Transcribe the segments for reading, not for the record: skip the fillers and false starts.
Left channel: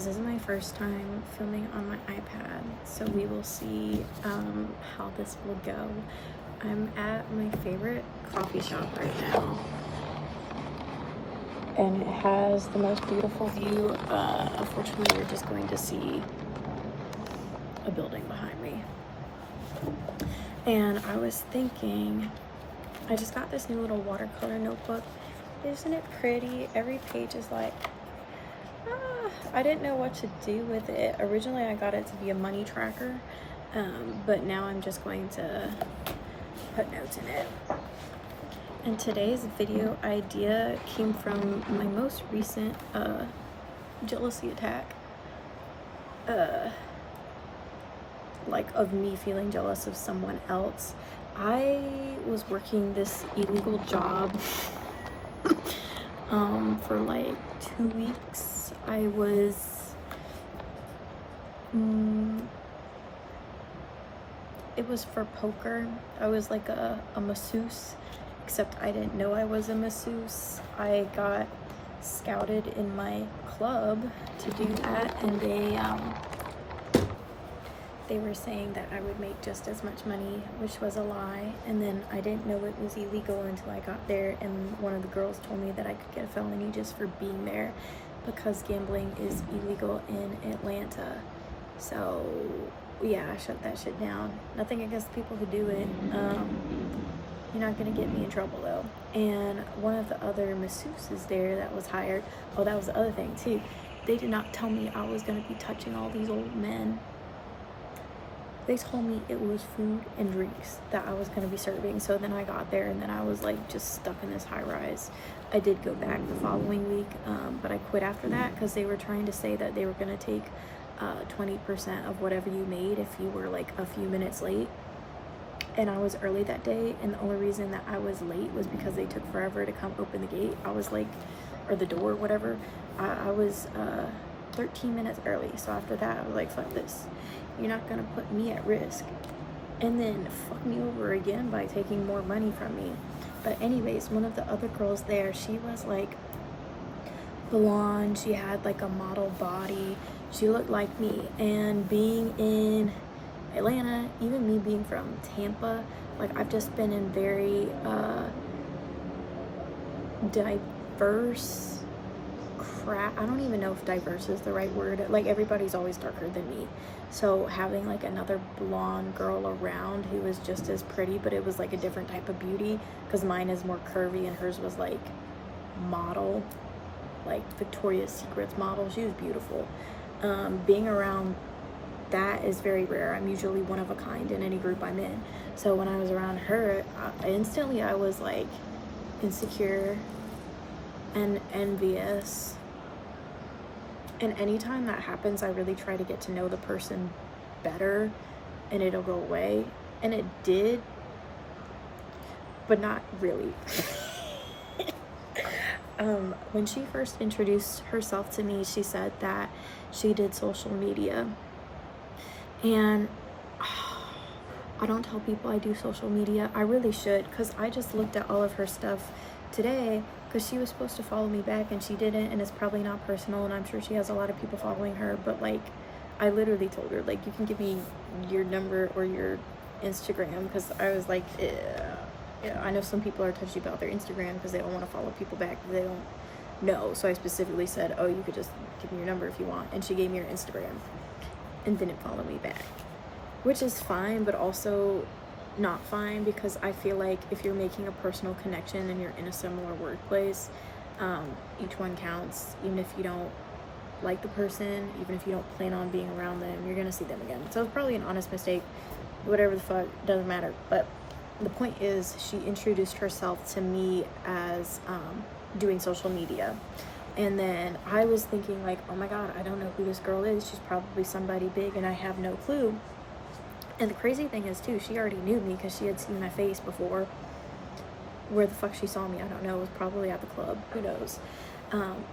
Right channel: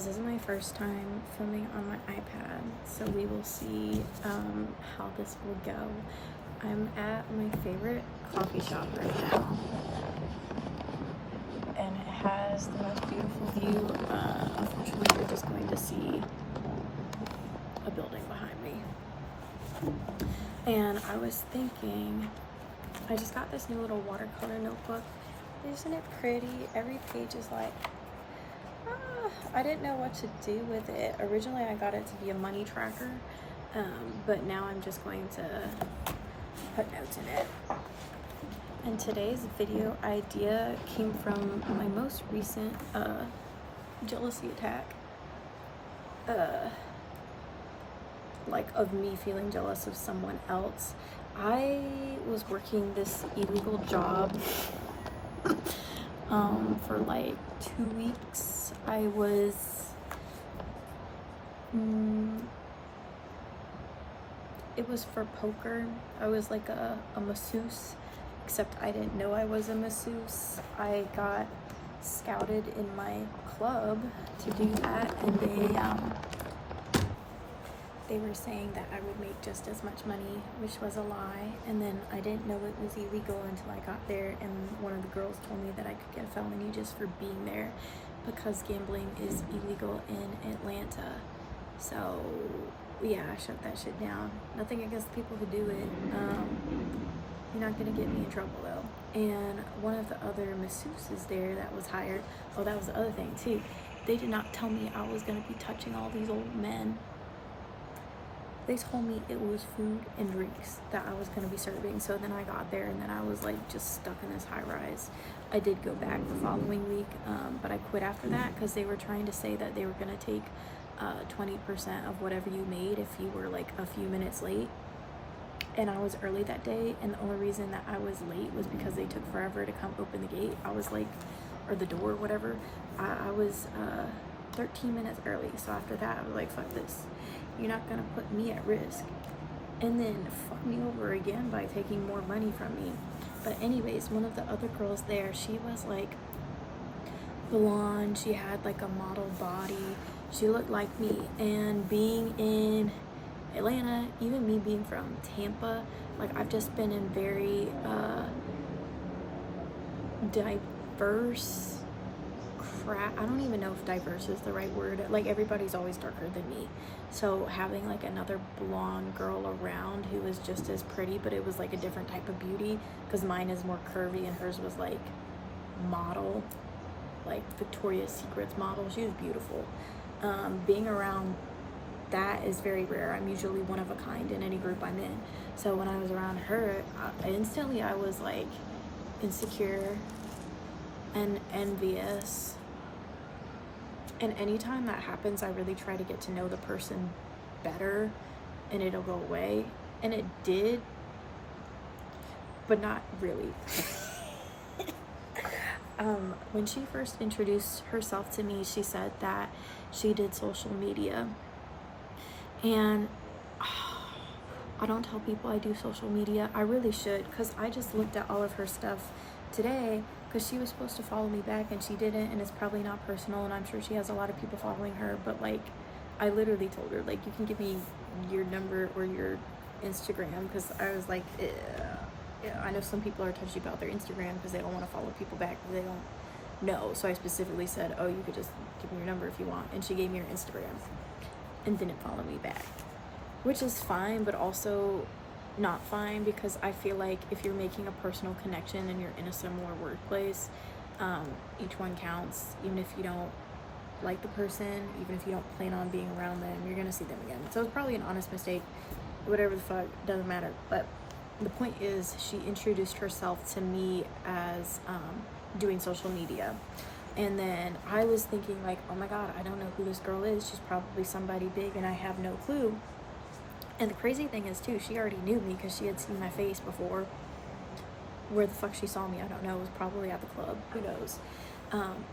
This is my first time filming on my iPad, so we will see how this will go. I'm at my favorite coffee shop right now, and it has the most beautiful view. Unfortunately, you're just going to see a building behind me. And I was thinking, I just got this new little watercolor notebook. Isn't it pretty? Every page is like, I didn't know what to do with it. Originally, I got it to be a money tracker, but now I'm just going to put notes in it. And today's video idea came from my most recent jealousy attack. Like of me feeling jealous of someone else. I was working this illegal job for like 2 weeks. I was it was for poker. I was like a masseuse, except I didn't know I was a masseuse. I got scouted in my club to do that, and they were saying that I would make just as much money, which was a lie. And then I didn't know it was illegal until I got there, and one of the girls told me that I could get a felony just for being there because gambling is illegal in Atlanta. So yeah, I shut that shit down. Nothing against the people who do it. You're not gonna get me in trouble though. And one of the other masseuses there that was hired, oh, that was the other thing too. They did not tell me I was gonna be touching all these old men. They told me it was food and drinks that I was going to be serving. So then I got there, and then I was like just stuck in this high rise. I did go back the following week, but I quit after that because they were trying to say that they were going to take 20% of whatever you made if you were like a few minutes late. And I was early that day, and the only reason that I was late was because they took forever to come open the gate. I was like, or the door, whatever. I was 13 minutes early. So after that, I was like, fuck this. You're not gonna put me at risk and then fuck me over again by taking more money from me. But anyways, one of the other girls there, she was like blonde, she had like a model body, she looked like me. And being in Atlanta, even me being from Tampa, like I've just been in very diverse crap. I don't even know if diverse is the right word. Like everybody's always darker than me. So having like another blonde girl around who was just as pretty, but it was like a different type of beauty, because mine is more curvy and hers was like model, like Victoria's Secret's model. She was beautiful. Being around that is very rare. I'm usually one of a kind in any group I'm in. So when I was around her, instantly I was like insecure and envious. And anytime that happens, I really try to get to know the person better and it'll go away. And it did, but not really. When she first introduced herself to me, she said that she did social media. And I don't tell people I do social media. I really should, because I just looked at all of her stuff today, because she was supposed to follow me back and she didn't, and it's probably not personal, and I'm sure she has a lot of people following her, but like I literally told her, like, you can give me your number or your Instagram, because I was like, yeah, I know some people are touchy about their Instagram because they don't want to follow people back because they don't know. So I specifically said, oh, you could just give me your number if you want, and she gave me her Instagram and didn't follow me back, which is fine, but also not fine, because I feel like if you're making a personal connection and you're in a similar workplace, each one counts. Even if you don't like the person, even if you don't plan on being around them, you're gonna see them again. So it's probably an honest mistake, whatever the fuck, doesn't matter. But the point is, she introduced herself to me as doing social media. And then I was thinking like, oh my god, I don't know who this girl is. She's probably somebody big and I have no clue. And the crazy thing is too, she already knew me because she had seen my face before. Where the fuck she saw me, I don't know. It was probably at the club, who knows.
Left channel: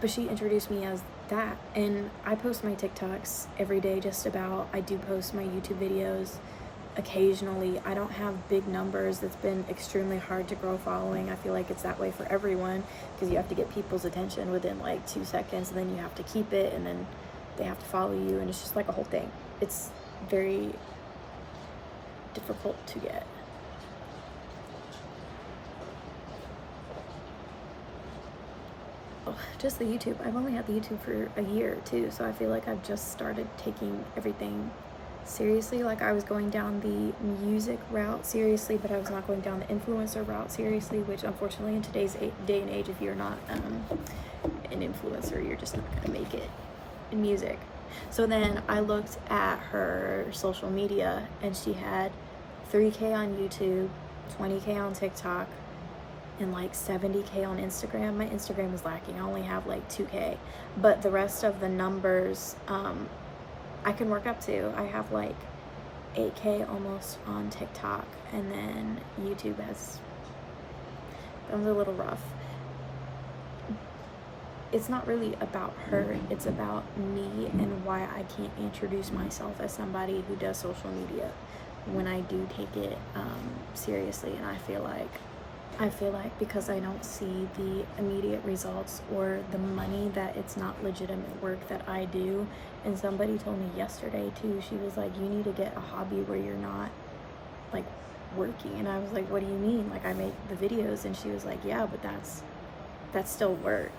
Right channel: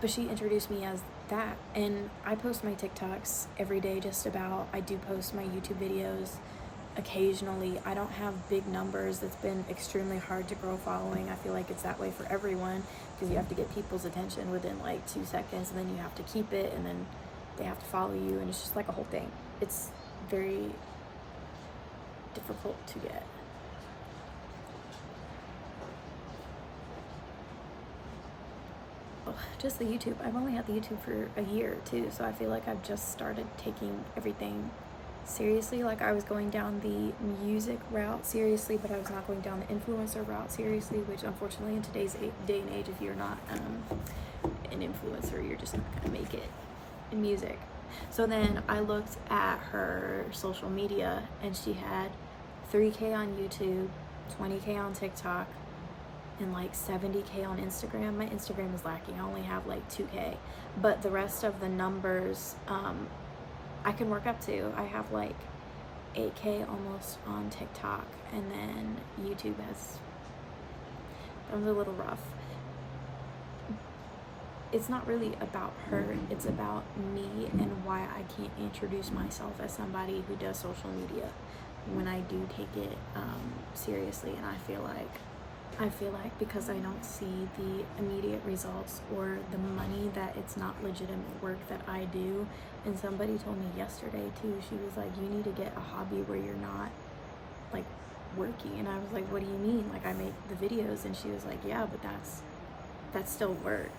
But she introduced me as that. And I post my TikToks every day just about. I do post my YouTube videos occasionally. I don't have big numbers. It's been extremely hard to grow following. I feel like it's that way for everyone, because you have to get people's attention within like 2 seconds, and then you have to keep it, and then they have to follow you, and it's just like a whole thing. It's very difficult to get. Oh, just the YouTube. I've only had the YouTube for a year too, so I feel like I've just started taking everything seriously. Like, I was going down the music route seriously, but I was not going down the influencer route seriously, which unfortunately in today's day and age, if you're not an influencer, you're just not gonna make it in music. So then I looked at her social media, and she had 3K on YouTube, 20K on TikTok, and like 70K on Instagram. My Instagram is lacking. I only have like 2K, but the rest of the numbers I can work up to. I have like 8K almost on TikTok, and then YouTube has, that was a little rough. It's not really about her, it's about me and why I can't introduce myself as somebody who does social media when I do take it seriously. And I feel like because I don't see the immediate results or the money, that it's not legitimate work that I do. And somebody told me yesterday too, she was like, you need to get a hobby where you're not like working. And I was like, what do you mean? Like, I make the videos. And she was like, yeah, but that's still work.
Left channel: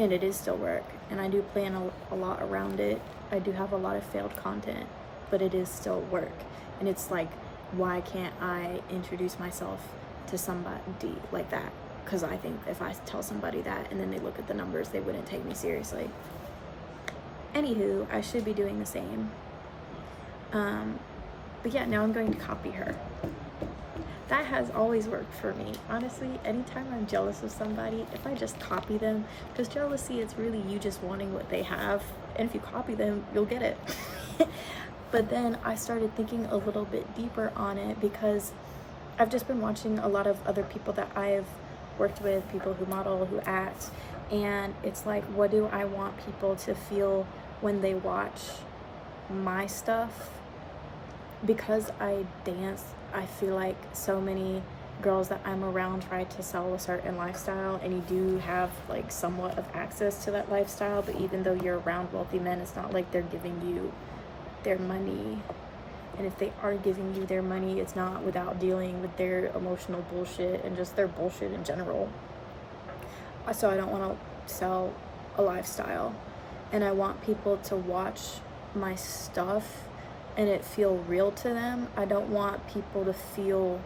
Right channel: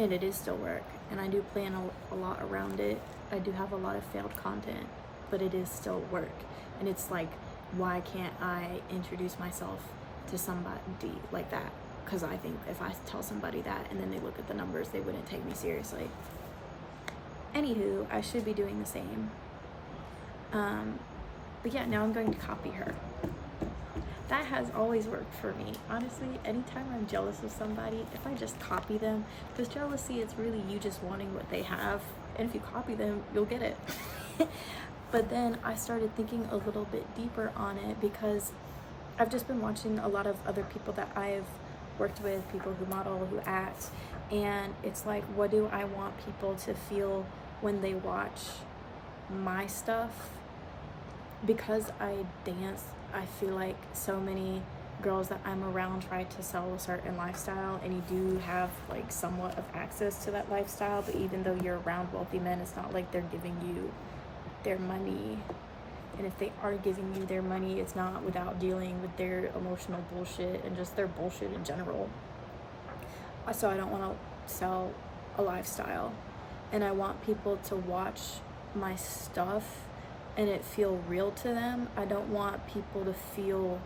And it is still work, and I do plan a lot around it. I do have a lot of failed content, but it is still work. And it's like, why can't I introduce myself to somebody like that? Because I think if I tell somebody that and then they look at the numbers, they wouldn't take me seriously. Anywho, I should be doing the same. But yeah, now I'm going to copy her. That has always worked for me. Honestly, anytime I'm jealous of somebody, if I just copy them, because jealousy, it's really you just wanting what they have. And if you copy them, you'll get it. But then I started thinking a little bit deeper on it, because I've just been watching a lot of other people that I've worked with, people who model, who act. And it's like, what do I want people to feel when they watch my stuff? Because I dance, I feel like so many girls that I'm around try to sell a certain lifestyle, and you do have like somewhat of access to that lifestyle, but even though you're around wealthy men, it's not like they're giving you their money. And if they are giving you their money, it's not without dealing with their emotional bullshit and just their bullshit in general. So I don't want to sell a lifestyle, and I want people to watch my stuff and it feel real to them. I don't want people to feel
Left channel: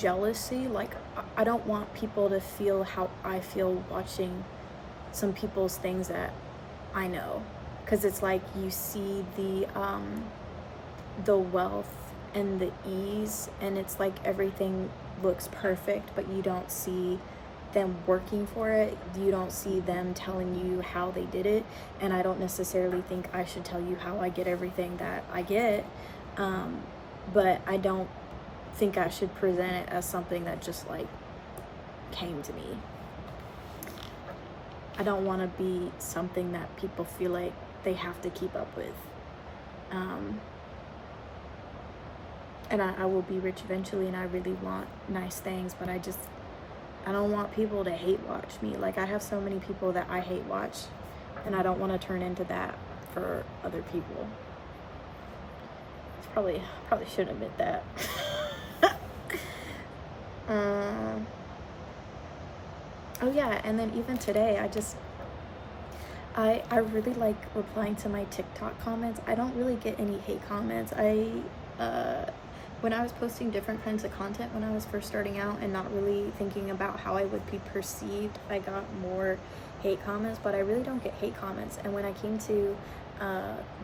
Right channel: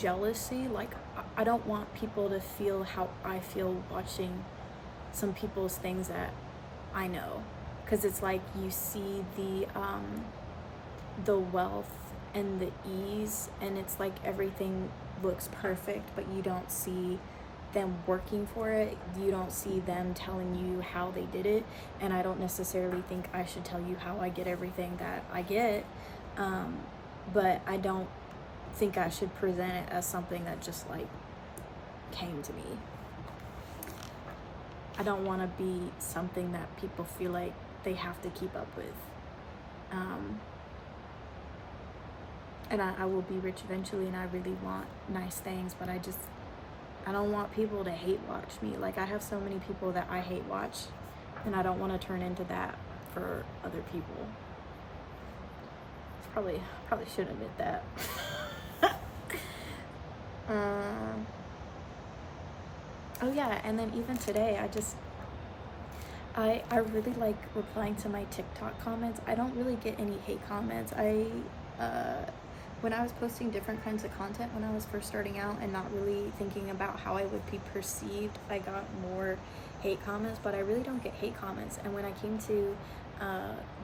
jealousy. Like, I don't want people to feel how I feel watching some people's things that I know, because it's like you see the wealth and the ease, and it's like everything looks perfect, but you don't see them working for it. You don't see them telling you how they did it. And I don't necessarily think I should tell you how I get everything that I get, but I don't think I should present it as something that just like came to me. I don't want to be something that people feel like they have to keep up with. And I will be rich eventually, and I really want nice things, but I don't want people to hate watch me. Like, I have so many people that I hate watch, and I don't want to turn into that for other people. Probably shouldn't admit that. Oh yeah, and then even today, I really like replying to my TikTok comments. I don't really get any hate comments. When I was posting different kinds of content when I was first starting out and not really thinking about how I would be perceived, I got more hate comments, but I really don't get hate comments. And when I came to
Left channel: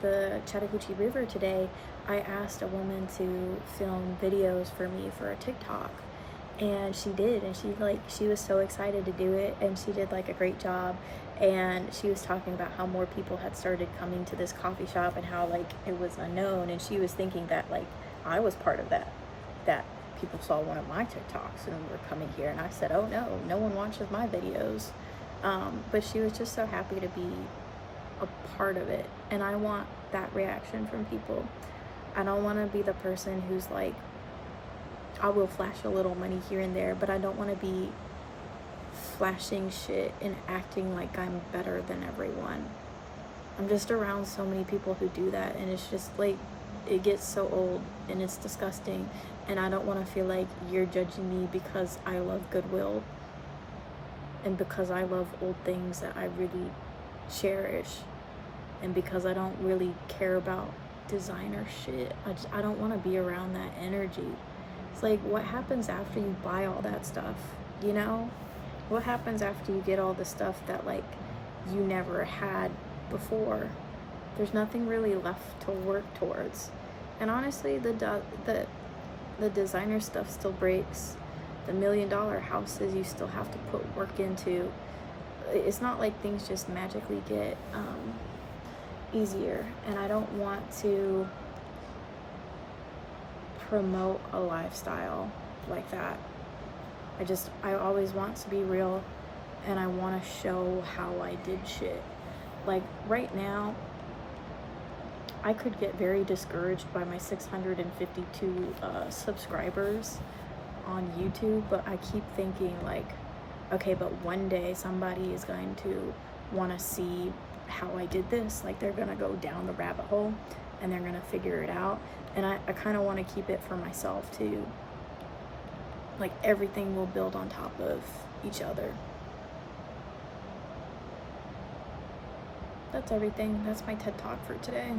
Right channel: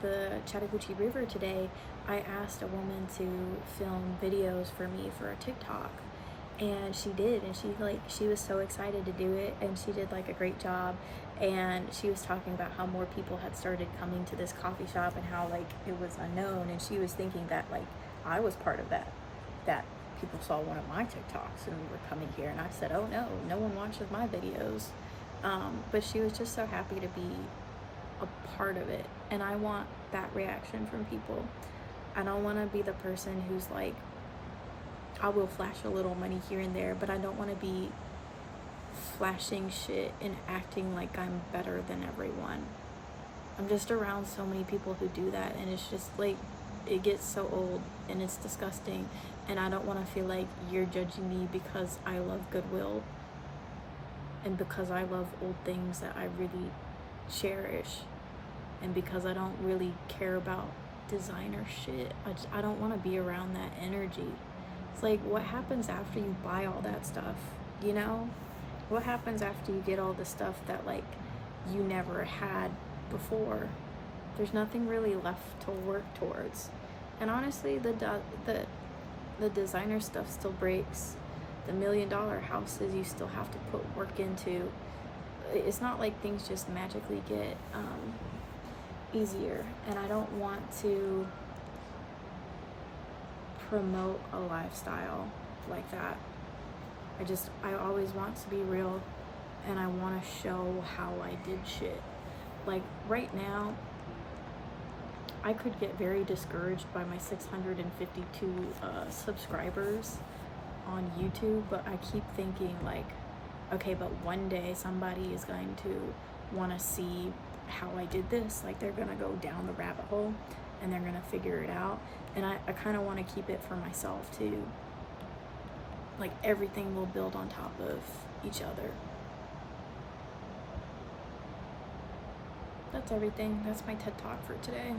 the Chattahoochee River today, I asked a woman to film videos for me for a TikTok, and she did, and she was so excited to do it, and she did like a great job. And she was talking about how more people had started coming to this coffee shop and how like it was unknown, and she was thinking that like I was part of that people saw one of my TikToks and were coming here. And I said, oh no one watches my videos. But she was just so happy to be a part of it, and I want that reaction from people. I don't want to be the person who's like, I will flash a little money here and there, but I don't want to be flashing shit and acting like I'm better than everyone. I'm just around so many people who do that, and it's just like, it gets so old and it's disgusting, and I don't want to feel like you're judging me because I love Goodwill and because I love old things that I really cherish, and because I don't really care about designer shit. I don't want to be around that energy. It's like, what happens after you buy all that stuff, you know? What happens after you get all the stuff that like you never had before? There's nothing really left to work towards. And honestly, the designer stuff still breaks. The $1 million houses you still have to put work into. It's not like things just magically get easier. And I don't want to promote a lifestyle like that. I always want to be real, and I want to show how I did shit. Like right now, I could get very discouraged by my 652 subscribers on YouTube, but I keep thinking like, okay, but one day somebody is going to want to see how I did this. Like, they're gonna go down the rabbit hole and they're gonna figure it out, and I kind of want to keep it for myself too. Like, everything will build on top of each other. That's everything. That's my TED Talk for today.